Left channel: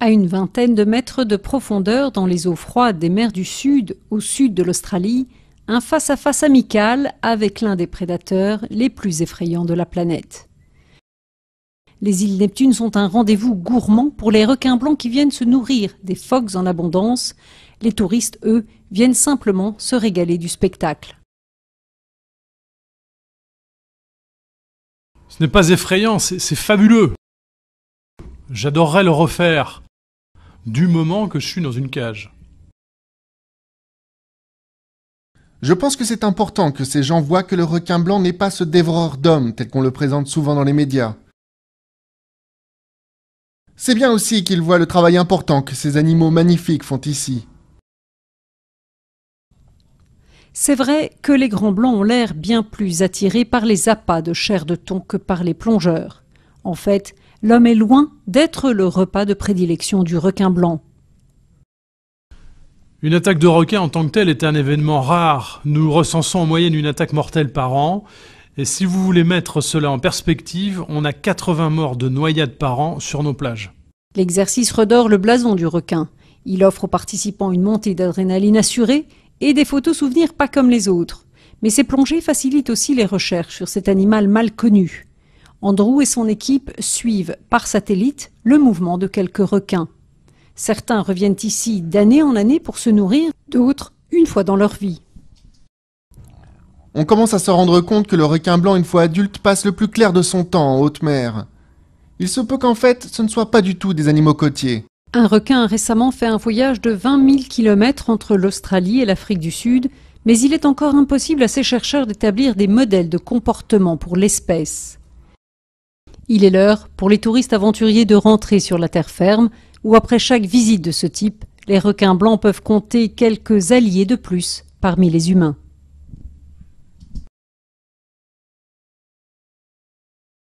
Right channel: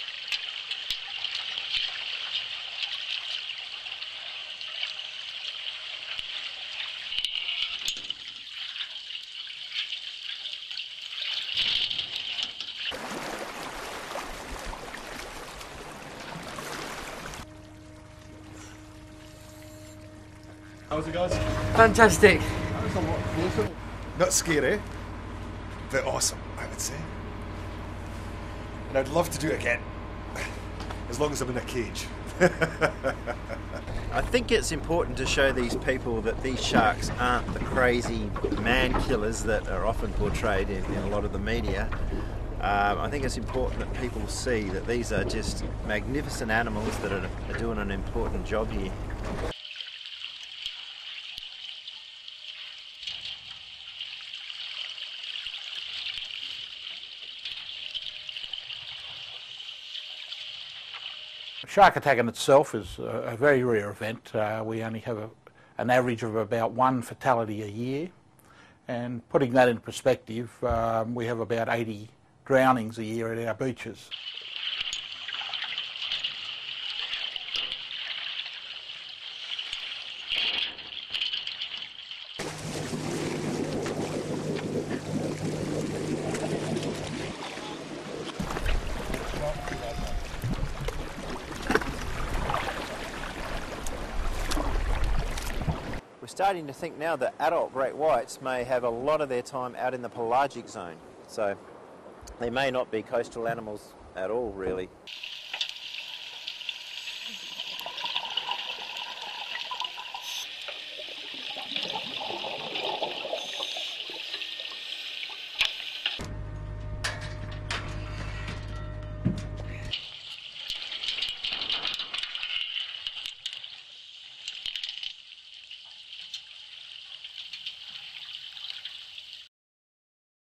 À une vingtaine de mètres de profondeur dans les eaux froides des mers du Sud, au sud de l'Australie, un face-à-face amical avec l'un des prédateurs les plus effrayants de la planète. Les îles Neptune sont un rendez-vous gourmand pour les requins blancs qui viennent se nourrir des phoques en abondance. Les touristes, eux, viennent simplement se régaler du spectacle. Fantastic. Ce n'est pas effrayant, c'est fabuleux. J'adorerais le refaire, du moment que je suis dans une cage. Je pense que c'est important que ces gens voient que le requin blanc n'est pas ce dévoreur d'hommes tel qu'on le présente souvent dans les médias. C'est bien aussi qu'ils voient le travail important que ces animaux magnifiques font ici. C'est vrai que les grands blancs ont l'air bien plus attirés par les appâts de chair de thon que par les plongeurs. En fait, l'homme est loin d'être le repas de prédilection du requin blanc. Une attaque de requin en tant que telle est un événement rare. Nous recensons en moyenne une attaque mortelle par an. Et si vous voulez mettre cela en perspective, on a 80 morts de noyade par an sur nos plages. L'exercice redore le blason du requin. Il offre aux participants une montée d'adrénaline assurée et des photos souvenirs pas comme les autres. Mais ces plongées facilitent aussi les recherches sur cet animal mal connu. Andrew et son équipe suivent par satellite le mouvement de quelques requins. Certains reviennent ici d'année en année pour se nourrir, d'autres une fois dans leur vie. On commence à se rendre compte que le requin blanc, une fois adulte, passe le plus clair de son temps en haute mer. Il se peut qu'en fait, ce ne soient pas du tout des animaux côtiers. Un requin a récemment fait un voyage de 20 000 km entre l'Australie et l'Afrique du Sud, mais il est encore impossible à ces chercheurs d'établir des modèles de comportement pour l'espèce. Il est l'heure pour les touristes aventuriers de rentrer sur la terre ferme, où après chaque visite de ce type, les requins blancs peuvent compter quelques alliés de plus parmi les humains.